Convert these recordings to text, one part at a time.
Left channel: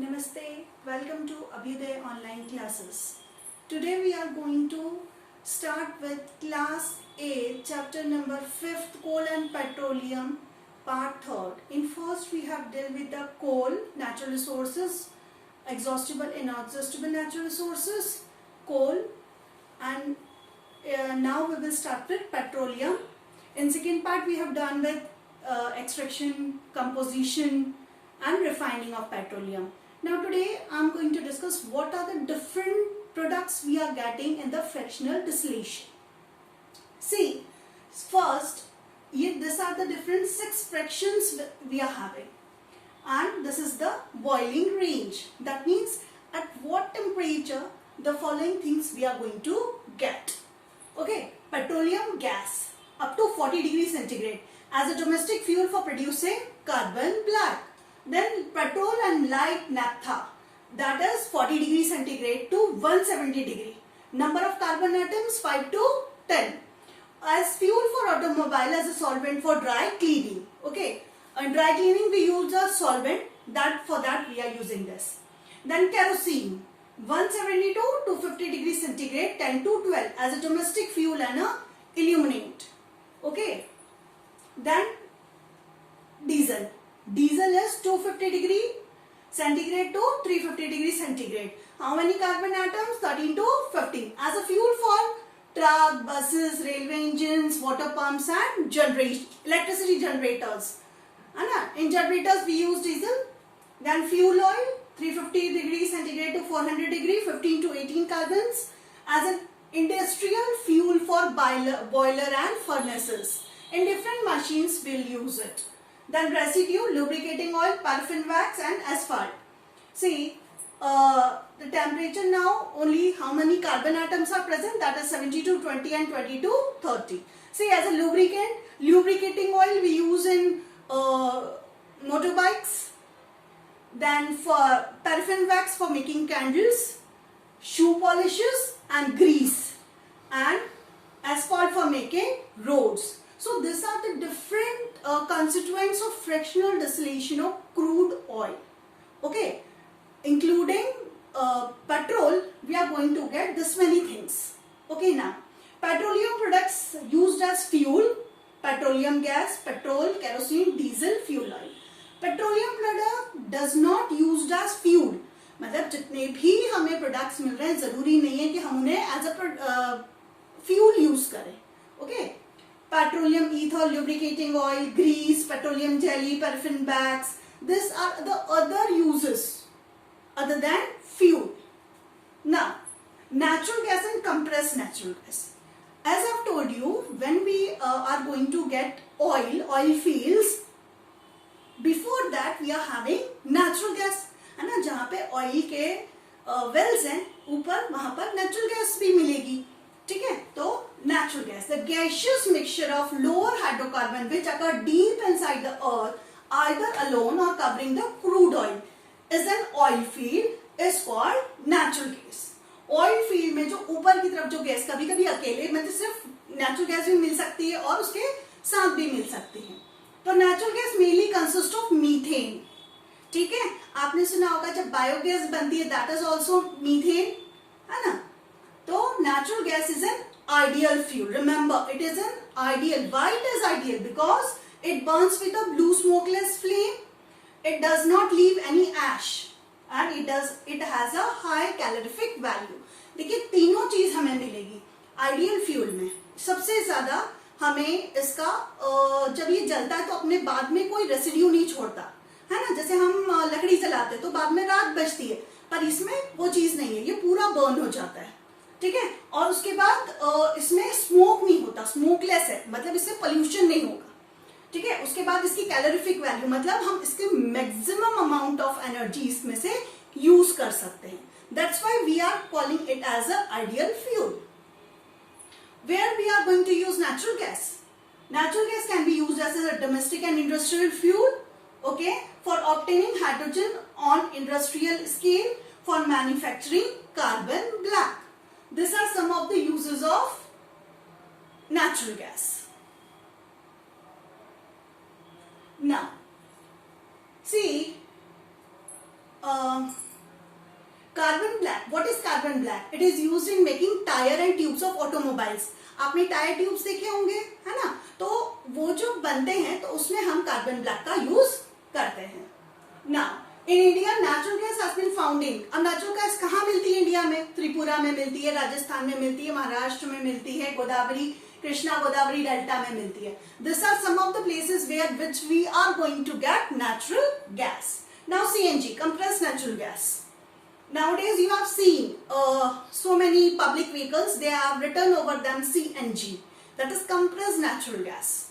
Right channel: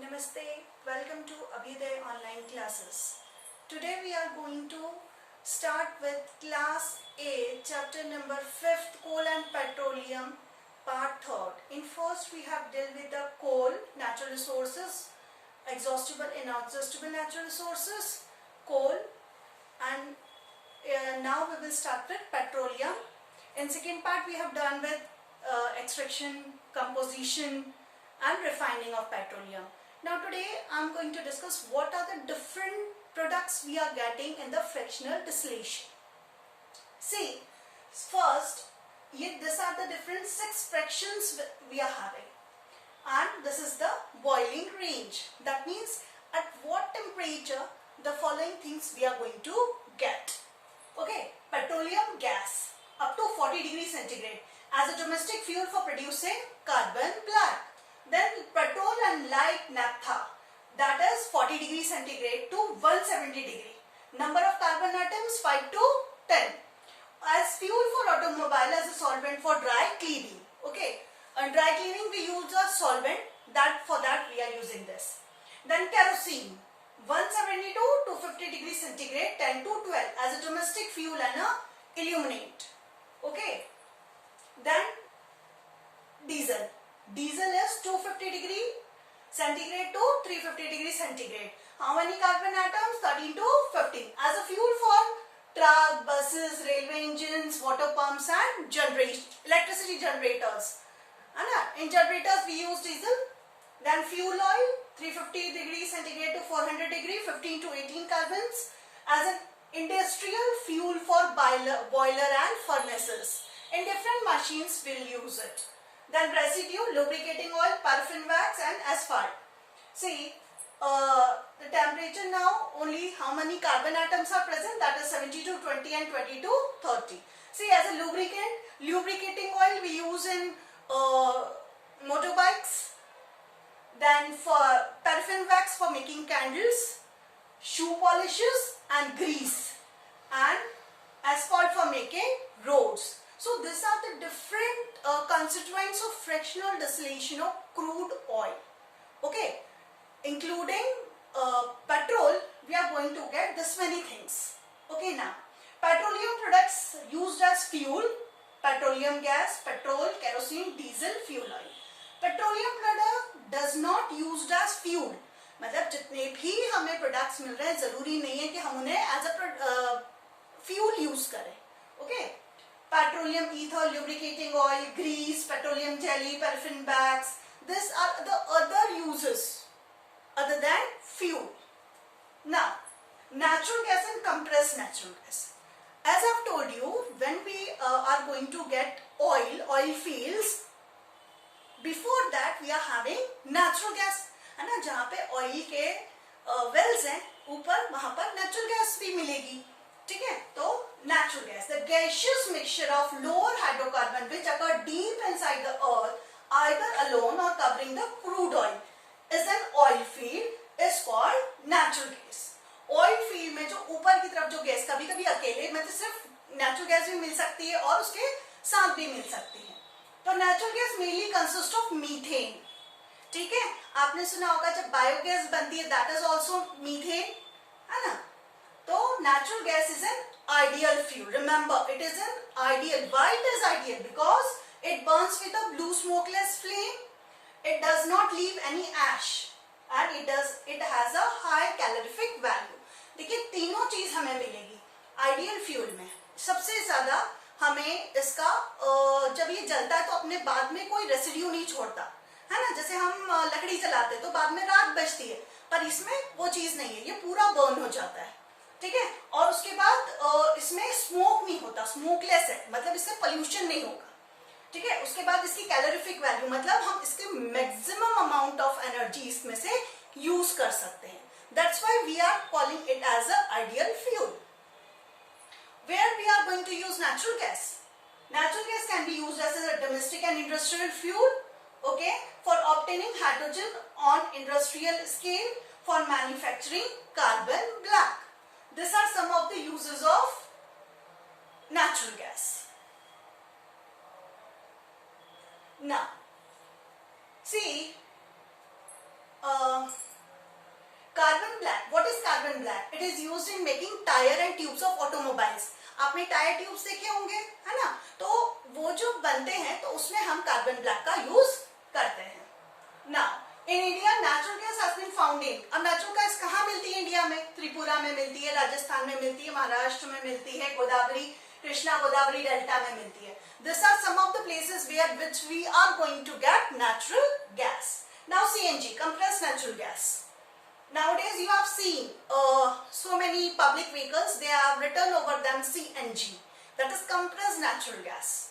Namaste, welcome to Abhyuday online classes. Today we are going to start with class A, chapter number 5th, coal and petroleum, part 3rd. In first we have dealt with the coal, natural resources, exhaustible, inexhaustible natural resources, coal, and now we will start with petroleum. In second part we have done with extraction, composition and refining of petroleum. Now today I am going to discuss what are the different products we are getting in the fractional distillation. See, first, these are the different 6 fractions we are having, and this is the boiling range. That means at what temperature the following things we are going to get. Okay, petroleum gas up to 40 degrees centigrade as a domestic fuel for producing carbon black. Then petrol and light naphtha, that is 40 degrees centigrade to 170 degree. Number of carbon atoms 5 to 10. As fuel for automobile, as a solvent for dry cleaning. Okay, and dry cleaning we use a solvent, for that we are using this. Then kerosene 172 to 250 degrees centigrade 10 to 12 as a domestic fuel and a illuminate. Okay, then diesel. Diesel is 250 degree centigrade to 350 degree centigrade. How many carbon atoms? 13 to 15. As a fuel for truck, buses, railway engines, water pumps and electricity generators. In generators we use diesel. Then fuel oil 350 degree centigrade to 400 degree, 15 to 18 carbons. As an industrial fuel for boiler and furnaces. In different machines we will use it. Then residue, lubricating oil, paraffin wax and asphalt. See, the temperature now, only how many carbon atoms are present, that is 70 to 20 and 20 to 30. See, as a lubricant, lubricating oil we use in motorbikes. Then for paraffin wax for making candles, shoe polishes and grease, and asphalt for making roads. So these are the different constituents of fractional distillation of crude oil. Okay, including petrol, we are going to get this many things. Okay, now petroleum products used as fuel, petroleum gas, petrol, kerosene, diesel, fuel oil. Petroleum product does not used as fuel. मतलब जितने भी हमें products मिल रहे हैं जरूरी नहीं है कि हम उन्हें एज अ फ्यूल यूज करें. Okay, petroleum ether, lubricating oil, grease, petroleum jelly, paraffin wax. These are the other uses other than fuel. Now, natural gas and compressed natural gas. As I've told you, when we are going to get oil fields, before that we are having natural gas. है ना, जहाँ पे oil के Wales हैं ऊपर, वहां पर natural gas भी मिलेगी. ठीक है, तो natural gas, the gaseous mixture of lower hydrocarbon which occur deep inside the earth, either alone or covering the crude oil, is an oil field, is called natural gas. Oil field में जो ऊपर की तरफ जो gas कभी कभी अकेले मतलब सिर्फ नेचुरल गैस भी मिल सकती है और उसके साथ भी मिल सकती है. तो natural gas mainly consist of methane. ठीक है, आपने सुना होगा जब बायोगैस बनती है दैट इज ऑल्सो मीथेन, है ना. तो natural gas is an ideal fuel. Remember, it is an ideal. Why it is ideal? Because it burns with a blue smokeless flame. It does not leave any ash, and it has a high calorific value. देखिए तीनों चीज हमें मिलेगी ideal fuel में. सबसे ज्यादा हमें इसका जब ये जलता है तो अपने बाद में कोई रेसिड्यू नहीं छोड़ता, है ना. जैसे हम लकड़ी जलाते हैं तो बाद में राख बचती है, पर इसमें वो चीज नहीं है, ये पूरा बर्न हो जाता है. ठीक है, और उसके बाद इसमें स्मोक नहीं होता, स्मोकलेस है, मतलब इससे पोल्यूशन नहीं होगा. ठीक है, उसके बाद इसकी कैलोरीफिक वैल्यू मतलब हम इसके मैक्सिमम अमाउंट ऑफ एनर्जी इसमें से यूज कर सकते हैं. That's why we are calling it as a ideal fuel. Where we are going to use natural gas. Natural gas can be used as a domestic and industrial fuel, okay, for obtaining hydrogen on industrial scale, for manufacturing carbon black. These are some of the uses of natural gas. Now, see, carbon black. It is used in making tire and tubes of automobiles. आपने tyre tubes देखे होंगे, है ना? तो वो जो बनते हैं तो उसमें हम कार्बन ब्लैक का यूज करते हैं. Now, in India, natural gas has been found in. अब natural gas कहाँ मिलती है इंडिया में? त्रिपुरा में मिलती है, राजस्थान में मिलती है, महाराष्ट्र में मिलती है, गोदावरी, कृष्णा गोदावरी डेल्टा में मिलती है. These are some of the places where which we are going to get natural gas. Now CNG, compressed natural gas. Nowadays you have seen so many public vehicles, they have written over them CNG, that is compressed natural gas.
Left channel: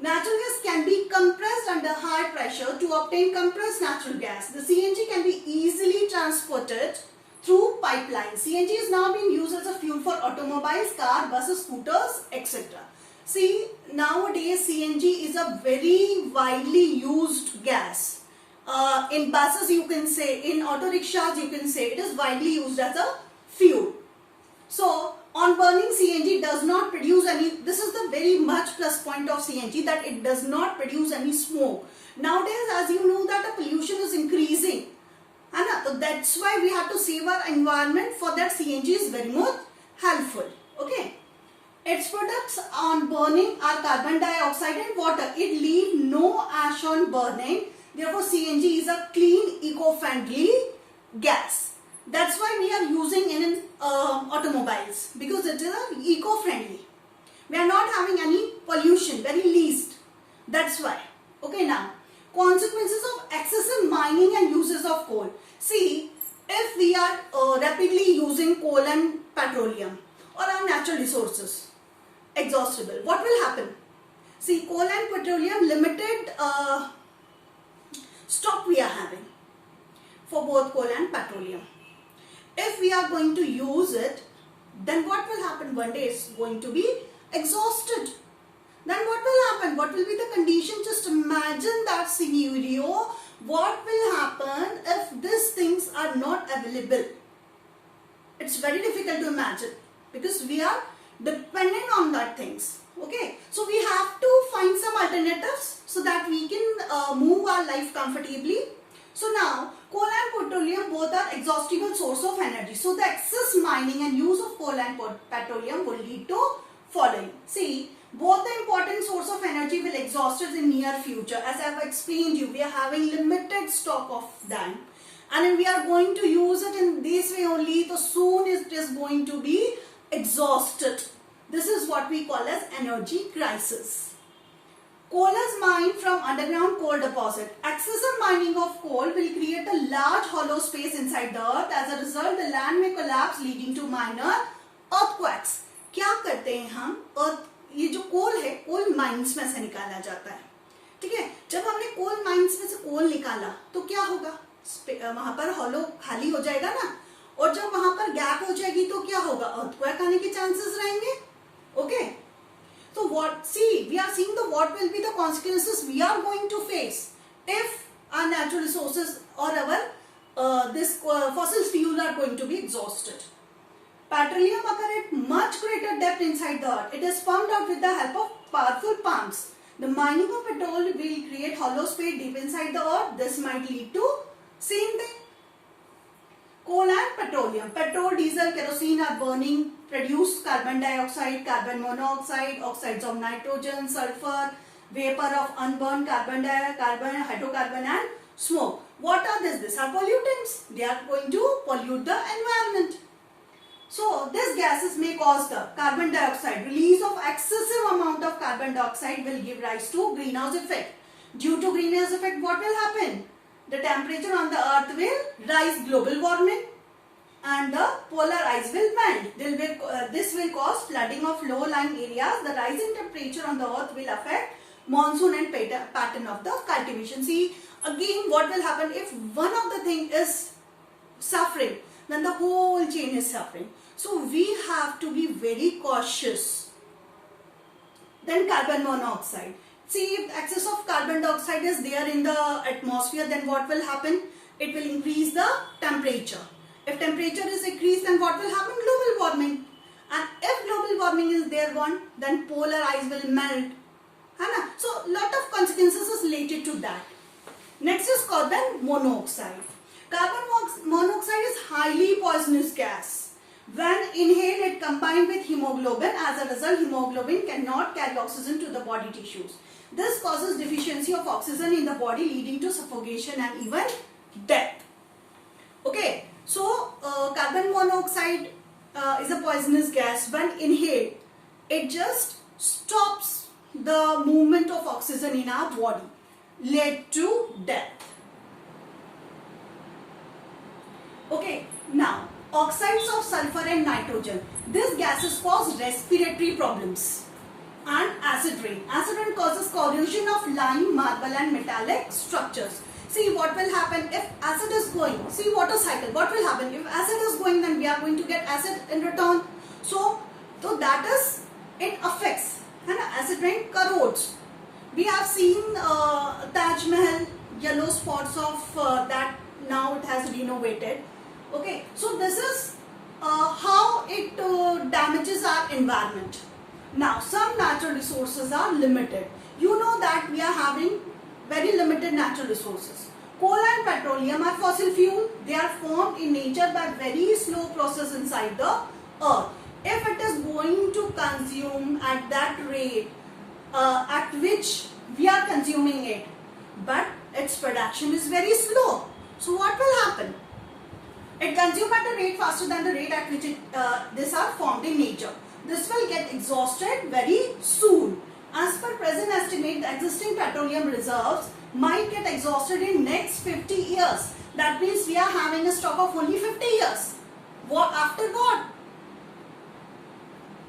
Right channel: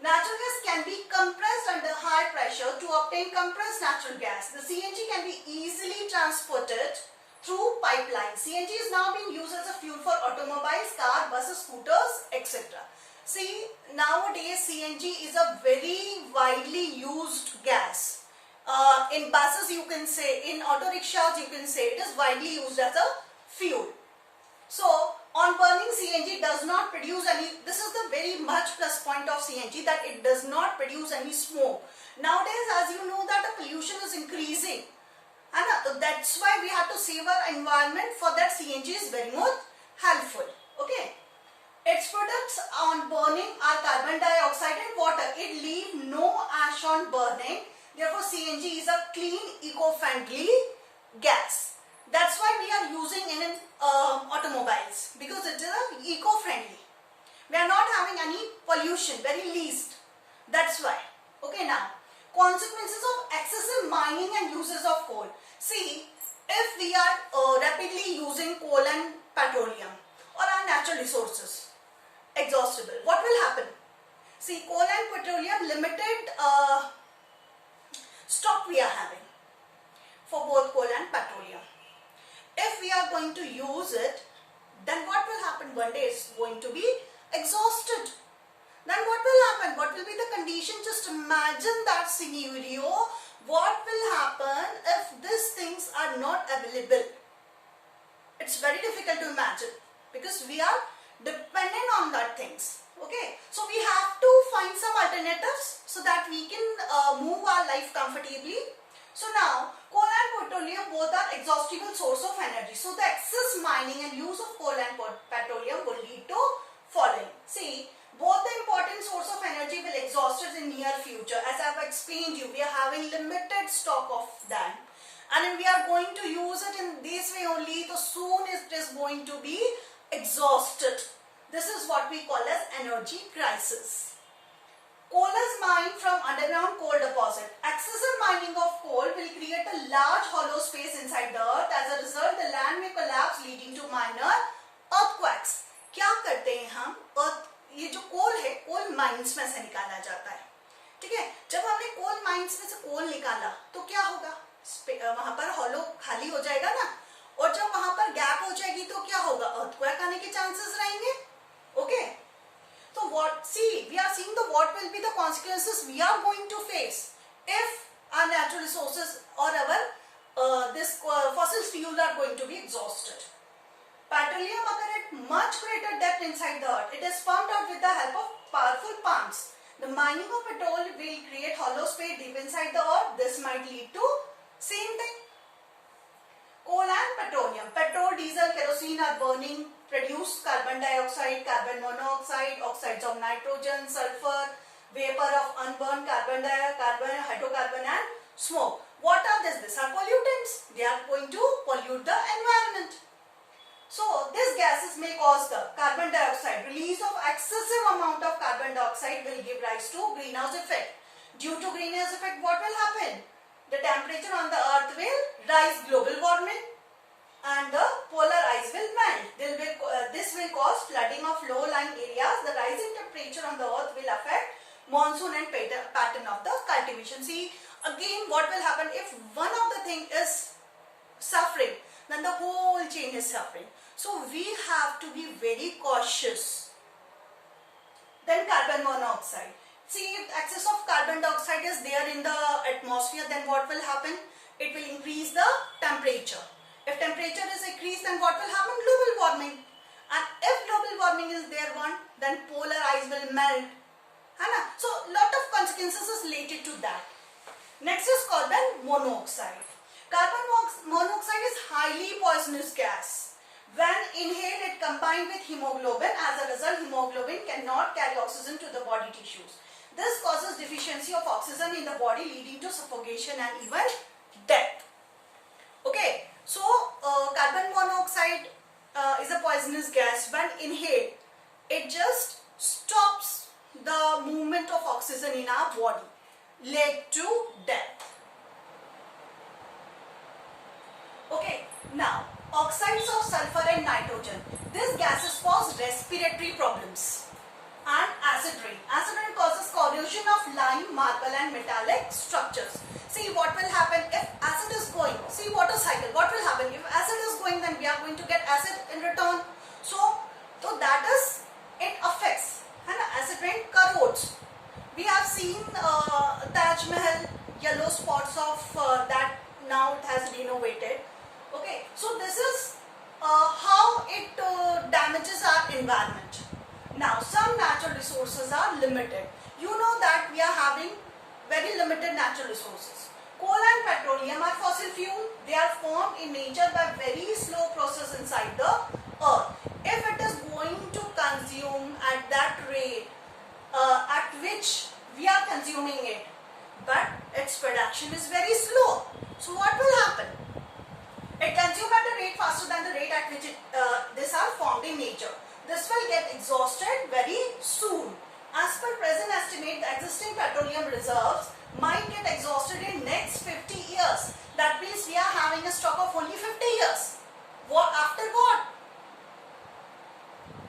Natural gas can be compressed under high pressure. To obtain compressed natural gas, the CNG can be easily transported through pipelines. CNG is now being used as a fuel for automobiles, car, buses, scooters, etc. See, nowadays CNG is a very widely used gas. In buses you can say, in auto rickshaws you can say, it is widely used as a fuel. So on burning, CNG does not produce any, this is the very much plus point of CNG, that it does not produce any smoke. Nowadays, as you know, that the pollution is increasing, and that's why we have to save our environment. For that, CNG is very much helpful. Okay. Its products on burning are carbon dioxide and water. It leaves no ash on burning. Therefore, CNG is a clean, eco-friendly gas. That's why we are using in automobiles, because it is eco-friendly. We are not having any pollution, very least. That's why. Okay, now consequences of excessive mining and uses of coal. See, if we are rapidly using coal and petroleum or our natural resources, exhaustible, what will happen? See, coal and petroleum, limited stock we are having for both coal and petroleum. If we are going to use it, then what will happen? One day it's going to be exhausted. Then what will happen? What will be the condition? Just imagine that scenario. What will happen if these things are not available? It's very difficult to imagine, because we are dependent on that things. Okay, so we have to find some alternatives so that we can move our life comfortably. So now, coal and petroleum both are exhaustible source of energy. So the excess mining and use of coal and petroleum will lead to following. See, both the important source of energy will exhaust in near future. As I have explained you, we are having limited stock of them, and we are going to use it in this way only. So soon it is going to be exhausted. This is what we call as energy crisis. Coal is mined from underground coal deposit. Excessive mining of coal will create a large hollow space inside the earth. As a result, the land may collapse, leading to minor earthquakes. क्या करते हैं हम? ये जो कोल है, coal mines में से निकाला जाता है. ठीक है, जब हमने कोल माइंस में से कोल निकाला तो क्या होगा? वहां पर हॉलो खाली हो जाएगा ना, और जब वहां पर गैप हो जाएगी तो क्या होगा? अर्थक्वेक आने के चांसेस रहेंगे. Okay. So what? See, we are seeing what will be the consequences we are going to face if our natural resources or our fossil fuels are going to be exhausted. Petroleum occurs at much greater depth inside the earth. It is pumped out with the help of powerful pumps. The mining of petrol will create hollow space deep inside the earth. This might lead to same thing. Coal and petroleum. Petrol, diesel, kerosene are burning, produce carbon dioxide, carbon monoxide, oxides of nitrogen, sulfur, vapor of unburned carbon dioxide, hydrocarbon and smoke. What are these? These are pollutants. They are going to pollute the environment. So these gases may cause the carbon dioxide. Release of excessive amount of carbon dioxide will give rise to greenhouse effect. Due to greenhouse effect, what will happen? The temperature on the earth will rise, global warming, and the polar ice will melt. This will cause flooding of low-lying areas. The rising temperature on the earth will affect monsoon and pattern of the cultivation. See, again, what will happen if one of the thing is suffering, then the whole chain is suffering. So we have to be very cautious. Then carbon monoxide. See, if excess of carbon dioxide is there in the atmosphere, then what will happen? It will increase the temperature. If temperature is increased, then what will happen? Global warming. And if global warming is there gone, then polar ice will melt. So, lot of consequences is related to that. Next is carbon monoxide. Carbon monoxide is highly poisonous gas. When inhaled, it combined with hemoglobin. As a result, hemoglobin cannot carry oxygen to the body tissues. This causes deficiency of oxygen in the body, leading to suffocation and even death. Okay, so carbon monoxide is a poisonous gas. When inhaled, it just stops the movement of oxygen in our body, led to death. Okay, now oxides of sulfur and nitrogen. These gases cause respiratory problems. And acid rain. Acid rain causes corrosion of lime, marble and metallic structures. See what will happen if acid is going. See water cycle. What will happen if acid is going, then we are going to get acid in return. So that is, it affects, and acid rain corrodes. We have seen Taj Mahal, yellow spots of that. Now it has renovated. Okay, so this is how it damages our environment. Now, some natural resources are limited. You know that we are having very limited natural resources. Coal and petroleum are fossil fuel. They are formed in nature by very slow process inside the earth. If it is going to consume at that rate at which we are consuming it, but its production is very slow. So what will happen? It consumes at a rate faster than the rate at which these are formed in nature. This will get exhausted very soon. As per present estimate, the existing petroleum reserves might get exhausted in next 50 years. That means we are having a stock of only 50 years. What after what?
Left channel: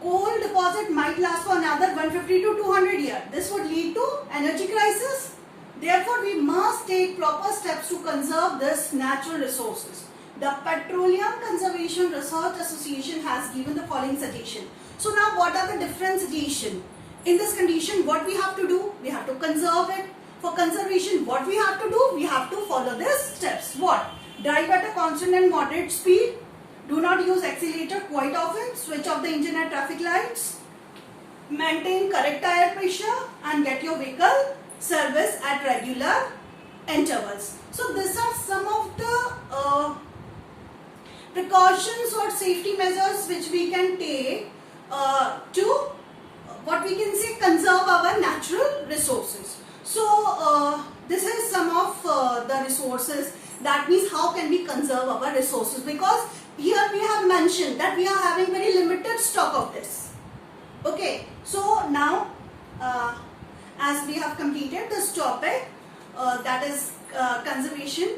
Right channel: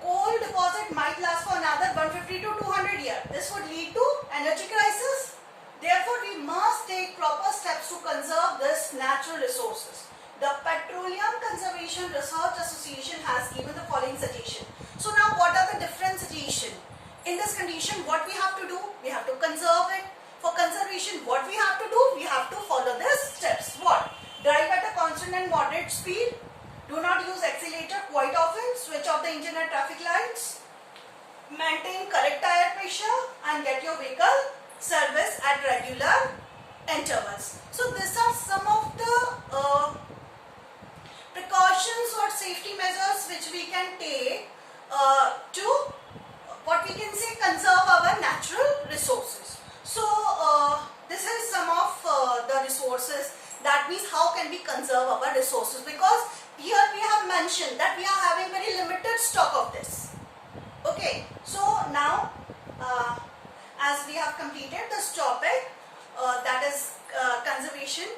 Coal deposit might last for another 150 to 200 years. This would lead to energy crisis. Therefore, we must take proper steps to conserve these natural resources. The Petroleum Conservation Research Association has given the following suggestion. So now what are the different suggestions? In this condition, what we have to do? We have to conserve it. For conservation, what we have to do? We have to follow these steps. What? Drive at a constant and moderate speed. Do not use accelerator quite often. Switch off the engine at traffic lights. Maintain correct tire pressure and get your vehicle serviced at regular intervals. So these are some of the precautions or safety measures which we can take to what we can say conserve our natural resources. So this is some of the resources. That means how can we conserve our resources, because here we have mentioned that we are having very limited stock of this. Okay, so now as we have completed this topic, that is conservation